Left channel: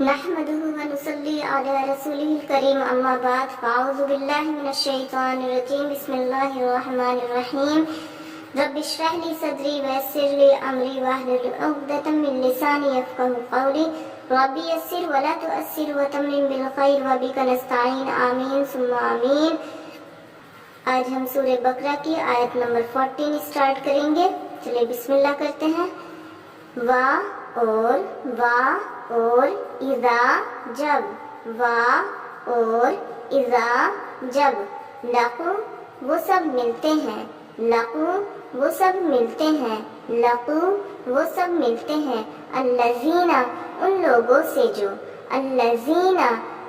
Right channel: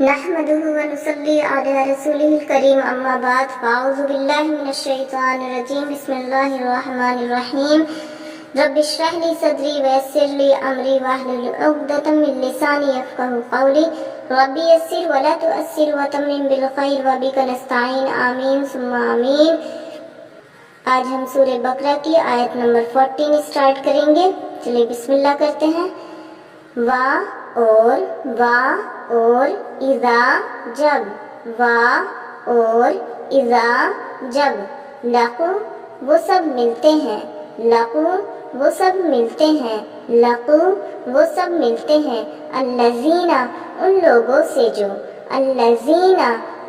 نحمده ونصلي على رسوله الكريم اما بعد فاعوذ بالله من الشيطان الرجيم بسم الله الرحمن الرحيم رب اشرح لي صدري ويسر لي امري واحلل عقدة من لساني يفقهوا قولي رب يسر ولا تؤثر وتمم بالخير وبك نستعين آمین ثم آمین۔ آج ہم سورہ بقرہ کی آیت نمبر 14 اسٹارٹ کریں گے۔ چلے بسم اللہ کرتے ہیں۔ وا اور اذا جب، وا اور اذا جب، لقو وہ سب ملتے ہیں، لقو وہ سب ملتے ہیں، لقو وہ سب ملتے ہیں، الذین ان لوگوں سے جو، الذین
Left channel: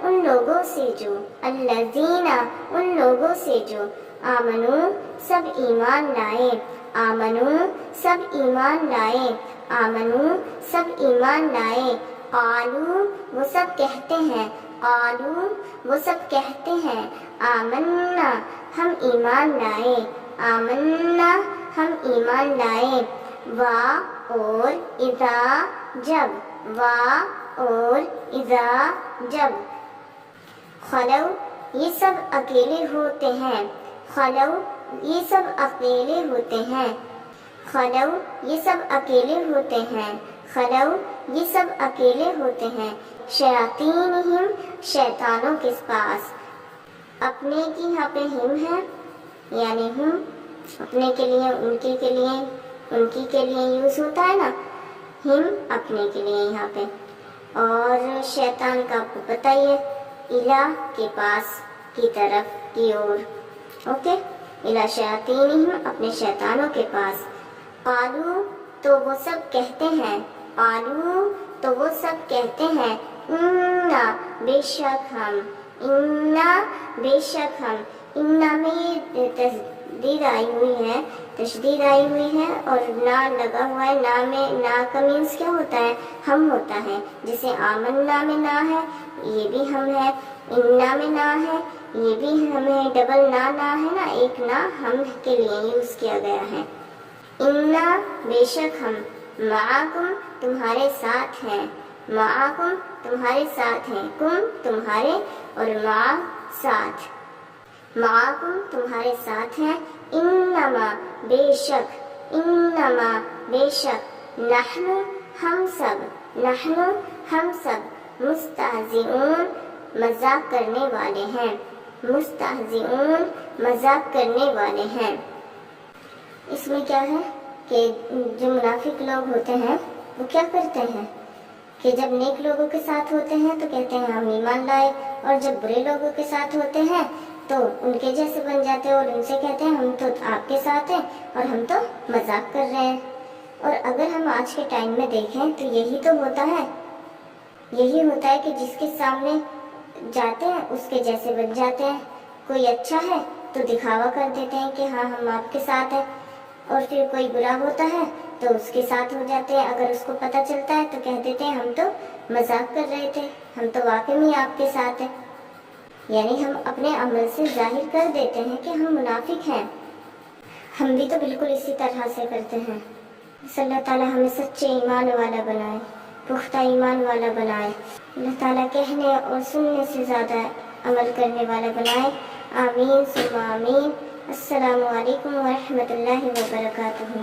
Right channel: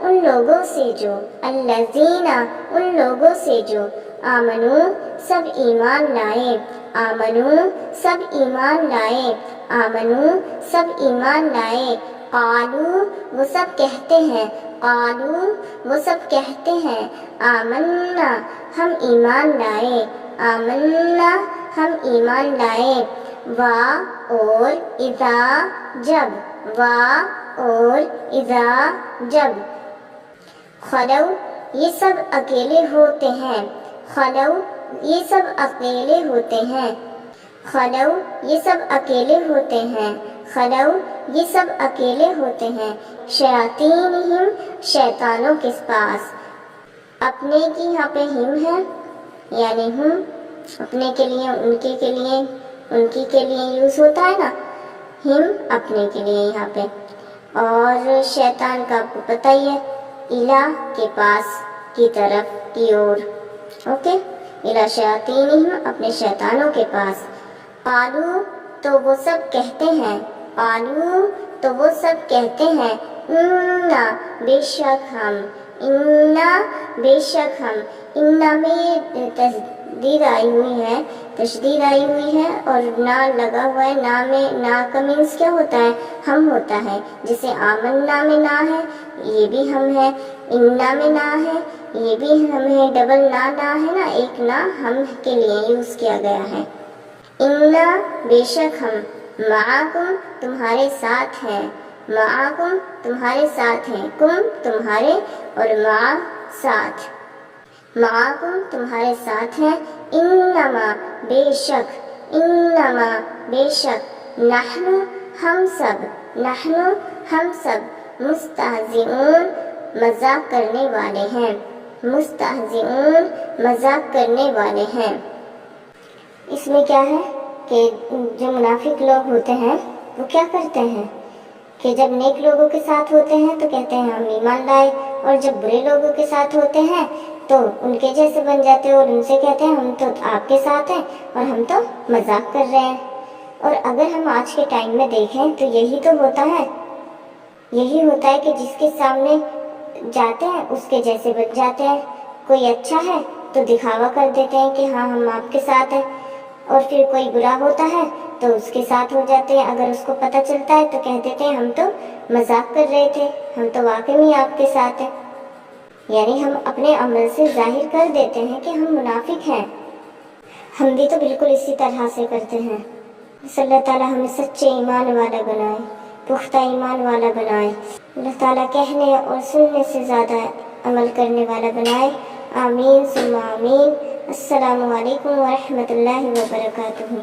ان لوگوں سے جو، الذین ان لوگوں سے جو، آمنو سب ایمان لائے، آمنو سب ایمان لائے، آمنو سب ایمان لائے، قالو وہ سب کہتے ہیں، قالو وہ سب کہتے ہیں، آمنا ہم ایمان لائے، آمنا ہم ایمان لائے، وا اور اذا جب، وا اور اذا جب، خلو یہ سب اکیلے ہوتے ہیں، خلو یہ سب اکیلے ہوتے ہیں، خلو یہ سب اکیلے ہوتے ہیں، خلو یہ سب اکیلے ہوتے ہیں، شیاطینہم شیطانوں کے پاس، اپنے کی یہاں پہ ہم ہے، یعنی ہم اپنے کے لیے، ان کے لیے، ان کی کے لیے یوز ہوتا ہے نا، ہم اپنے کے لیے یہاں پہ، اور شیطان کا آپ کو پتہ ہی ہے، الہ کے پاس کی طرف کی اور، اوکے، الہ شیاطینہم اپنے شیطانوں کے پاس، قالو تو وہ سب کہتے ہیں، قالو تو وہ سب کہتے ہیں، انا بے شک ہم، انا بے شک ہم، انا میں تشدید آئی ہوئی ہے، تشدید آئی ہوئی ہے اور نا لگا ہوا ہے، نا میں، نا کا مینس کیا ہوتا ہے؟ ہم ہوتا ہے، جیسے آمنا میں نا ہے یہ بھی ہم ہے، انا میں نا ہے یہ بھی ہم ہے، ڈبل نا ہے نا، ایک نا ہم کے لیے یوز کیا گیا ہے، انا بے شک ہم، معاکم تمہارے ساتھ ہیں، معاکم تمہارے ساتھ ہیں، کم تمہارے اور مع ساتھ، معاکم تمہارے ساتھ ہیں، انما بے شک، انما بے شک، نحن ہم سب، نحن ہم سب، مستہزئون مذاق کرنے والے ہیں، مستہزئون مذاق کرنے والے ہیں۔ اس میں کیا ہے کہ جو منافق لوگ ہوتے ہیں وہ کیا کرتے ہیں کہ جب نیک لوگوں کے ساتھ ہوتے ہیں تو کہتے ہیں ہم ایمان لائے، اور جب برے لوگوں کے ساتھ ہوتے ہیں تو ان کے جیسے بن جاتے ہیں اور ان سے کہتے ہیں ہم تو آپ کے ساتھ ہیں اور ہم تو مذاق کر رہے ہیں۔ اور اگر ہم آج کے ٹائم میں دیکھیں تو یہی تو ہوتا ہے، یہی ہوتا ہے کہ جس کے سامنے جاتے ہیں اس کے جیسے بن جاتے ہیں، کوئی اچھا ہے تو دکھاوا کر دیتے ہیں کہ ہاں ہم آپ کے ساتھ ہیں، اور پھر کوئی برا ہوتا ہے تو اس کے ساتھ ہو جاتے ہیں، اگر اس کو پتہ چلتا ہے تو کہہ دیتے ہیں ہم تو مذاق کر رہے تھے، ہم تو واقعی میں آپ کے ساتھ ہیں، یعنی ہم اپنے عمل سے ظاہر کر دیتے ہیں کہ ہم منافق ہیں۔ ہم بھی تو بالکل اسی طرح سے کرتے ہیں۔ صلی اللہ تعالیٰ ہمیں سچے ایمان والا بنائے، پختہ ایمان والا بنائے، اللہ تعالیٰ کہنے اور سننے سے زیادہ عمل کرنے والا بنائے، آمین ثم آمین۔ السلام علیکم ورحمۃ اللہ وبرکاتہ۔